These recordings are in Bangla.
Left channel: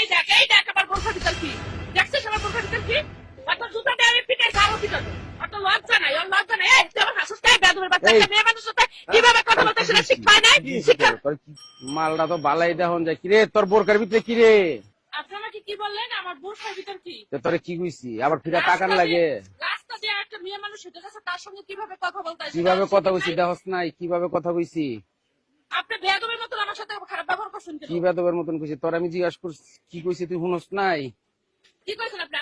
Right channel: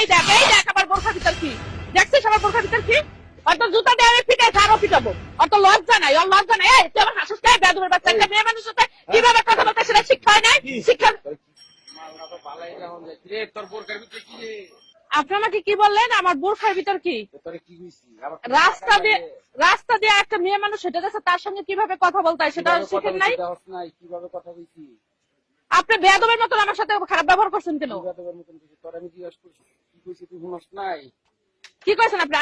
এই দেখ আমার বোরখার ভিতর কি দেখছিস আমার বোরখার ভিতর কি অত জুতা দিয়ে আমি পিটাই আরো পিটাবো অত লজ্জা নাই ওর লজ্জা নাই এই তুই আমার হাসিস তাই বেদবের বাচ্চা একটা মেয়ে মানুষের সাথে কিভাবে কথা বলতে সেটা শিক্ষা না শিক্ষা মালটা তো বালাই দেখুন যায় কিরে তোর বোরকার ভিতরে কিরে আপনি আমাকে কি বললেন আমার বোরখার ভিতর কি তোরে কি কইছি আবার পিটা টাকা লাগে রাস্তা দিয়ে একটা মেয়ে মানুষ হেঁটে যাচ্ছে তার সঙ্গে কিভাবে কথা বলতে হয় সেটা কিভাবে কথা কইছি দেখছ নাই কিভাবে কথা কইছি আপনি বেদবের মতন আমার সাথে খারাপ ব্যবহার করছেন কেন কি বেদবের মতন কইছি তোর আমি জিজ্ঞাসা করছি কি কইছি তুই শুনস নাই কি কইছেন আপনি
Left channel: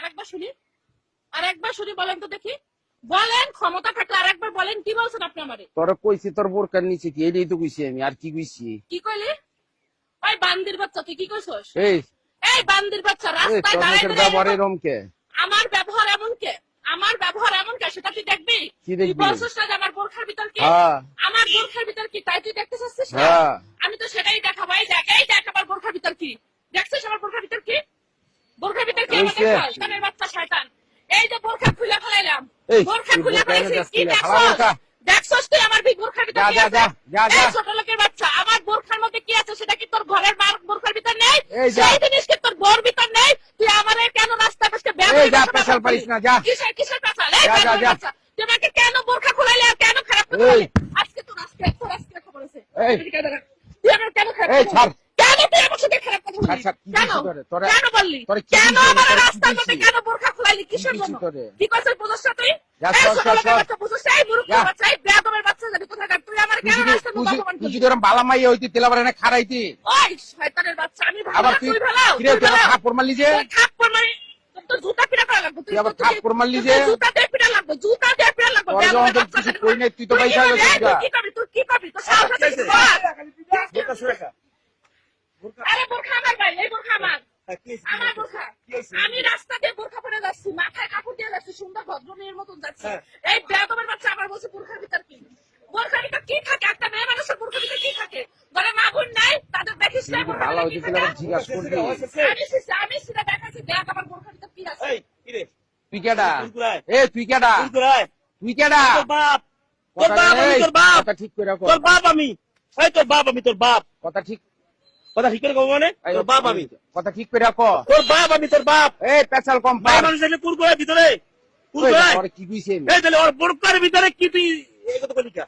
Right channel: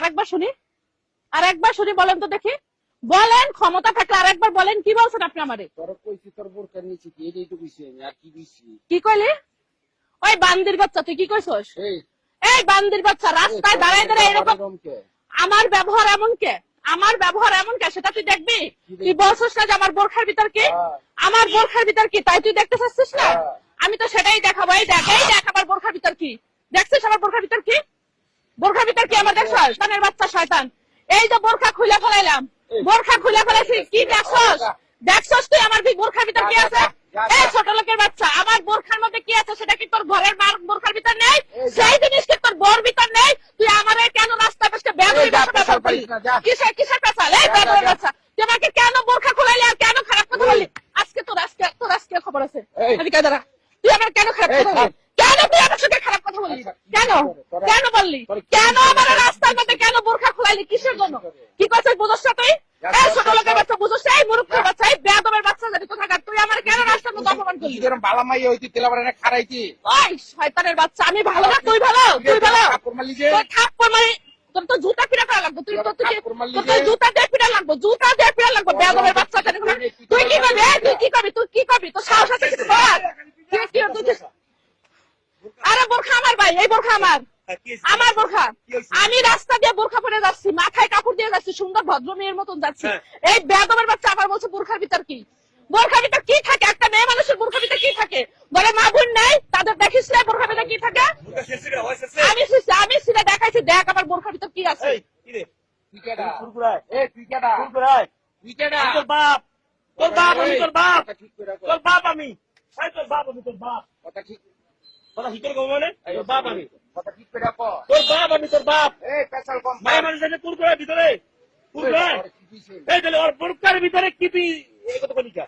আরেকবার শুনি বলেন তো দেখি বলেন ক্ষমতা থাকলে আরেকবার বলেন কি বলছেন আপনি আমারে তোর কইছি তোর বোরকার নিচে কি এটাই তো কইছি আমি আর কি কইছি কি কইলি ওই বান্দির বাচ্চা তুই কি কইছস এই বান্দির বাচ্চা রাস্তায় দাঁড়ায় রমকে আমার ব্যবহার এমন কে সেটা তুই দেখবি তুই বলছিস না যে আমার বোরখার ভিতর কি আমার বোরখার ভিতর কি তাই তুই দেখতে চাচ্ছিস না আমি তো সেটাই দেখাবো এই দেখ আমার বোরখার ভিতর কি দেখছিস আমার বোরখার ভিতর কি বোরখার ভিতর কি আমার দেখছিস শয়তানের বাচ্চা শয়তান এই যে বোরখা খুলে ফেলাইলাম বোরখা খুলে ফেলেছিস কি দেখছস তুই আমার বোরখার ভিতর কি আছে এই ছোট লোকের বাচ্চা আমার বোরখার মধ্যে কি আছে সেটা কি তোর ঘরের মার বোরখার ভিতর নেই সেই জিনিস কি তোর বোর ভিতর নেই তুই আমারে কেন রাস্তা বসে কিসের পেছাল এই বাচ্চা তুই আমাকে কেন বোরখা খুলাইলি আর কেন খারাপ কথা বললি আজকে তোর আজকে খবর আছে এদিকে দাঁড়া তুই আমার কেন খারাপ কথা বললি কেন তুই আমার সাথে খারাপ কথা বললি কেন বললি কেন আমার রাস্তার মধ্যে কেন বোরখা খুলাইলি কিসের জন্য কি করছিস বুঝছ না তুই এই ছোট লোকের বাচ্চা বুঝছ এই মূর্খ বাচ্চা এই বেয়াদবের বাচ্চা জানি কোথাকার তুই আমার কেন রাস্তার মধ্যে অপমান করলি তুই তোর বালা মাইয়া হইতি তেলাবারে খাড়াইতি ওই শয়তানের বাচ্চা আমি ভালো না তুই ভালো থাপ্পড় মারলি যে থাপ্পড় মারি তোর তো জুতা পিটা করা লাগবে তুই তো থাপ্পড় মারলি যে জুতা দিয়ে পিটা লাগবে বেয়াদবের বাচ্চা জানি তুই তো তুই কি করবি তো সাহস আছে আরে বোরখা আমার ভাই এই বোরখা আমার বোরখা আমি রাস্তা দিয়ে বোরখা পরে যাচ্ছি মাথায় কাপড় দিয়ে যাচ্ছি সুন্দর ভদ্র মেয়ের মতন যাচ্ছি এই বেয়াদবের বাচ্চা আমার বলছে বোরখার ভিতর কি থাকে একটা মেয়ে মানুষের বোরখার ভিতর কি থাকে বলে মা বোন নেই তাদের দেখিস না বোরখার ভিতর কি থাকে আমি সেটা দেখাইছি দেখ আমার বোরখার ভিতর কি আছে তুই কেডা তুই কেডা তোর বাপ কথা ঠিক করে রাখো তোর বাপ আমি তোর বাপ কথা ঠিক করে কম মানে তোর বাপ আমি কথা ঠিক করে রাখো তোর বাপ আমি তোর বাপ এই পেছাল কম ভাই মানুষ এলে কুরকুরে ভিতরে কি কইছি এই তাহলে ওর বোরকার ভিতরে কি তুই এই কথা বলি কা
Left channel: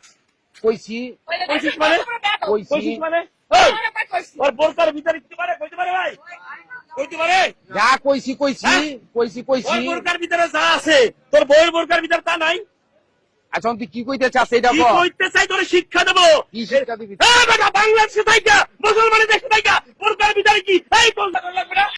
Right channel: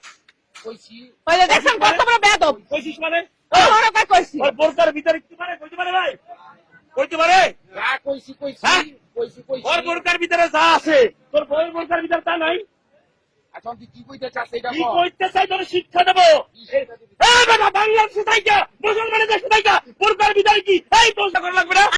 কইছি কইলে দেখেন কত বড় বেয়াদব কইছিস মানে ওর কথা কইছি ওর বোরকার ভিতরে কি পারে কইতে পারে ভাই কইতে পারে যা কইছি ওর বোরকার ভিতরে যা আছে তোর বউয়ের বোরকার ভিতরে তা নাই আচ্ছা তুই কি কইতে চাস এটা কি কইতে চাই তোরে শিক্ষা দেব কি শিক্ষা দিবি এই বাবা বাংলাদেশে থাইকা মুসলমানের দেশে থাইকা বোরকার ভিতরে কি এই তোর লাগবে না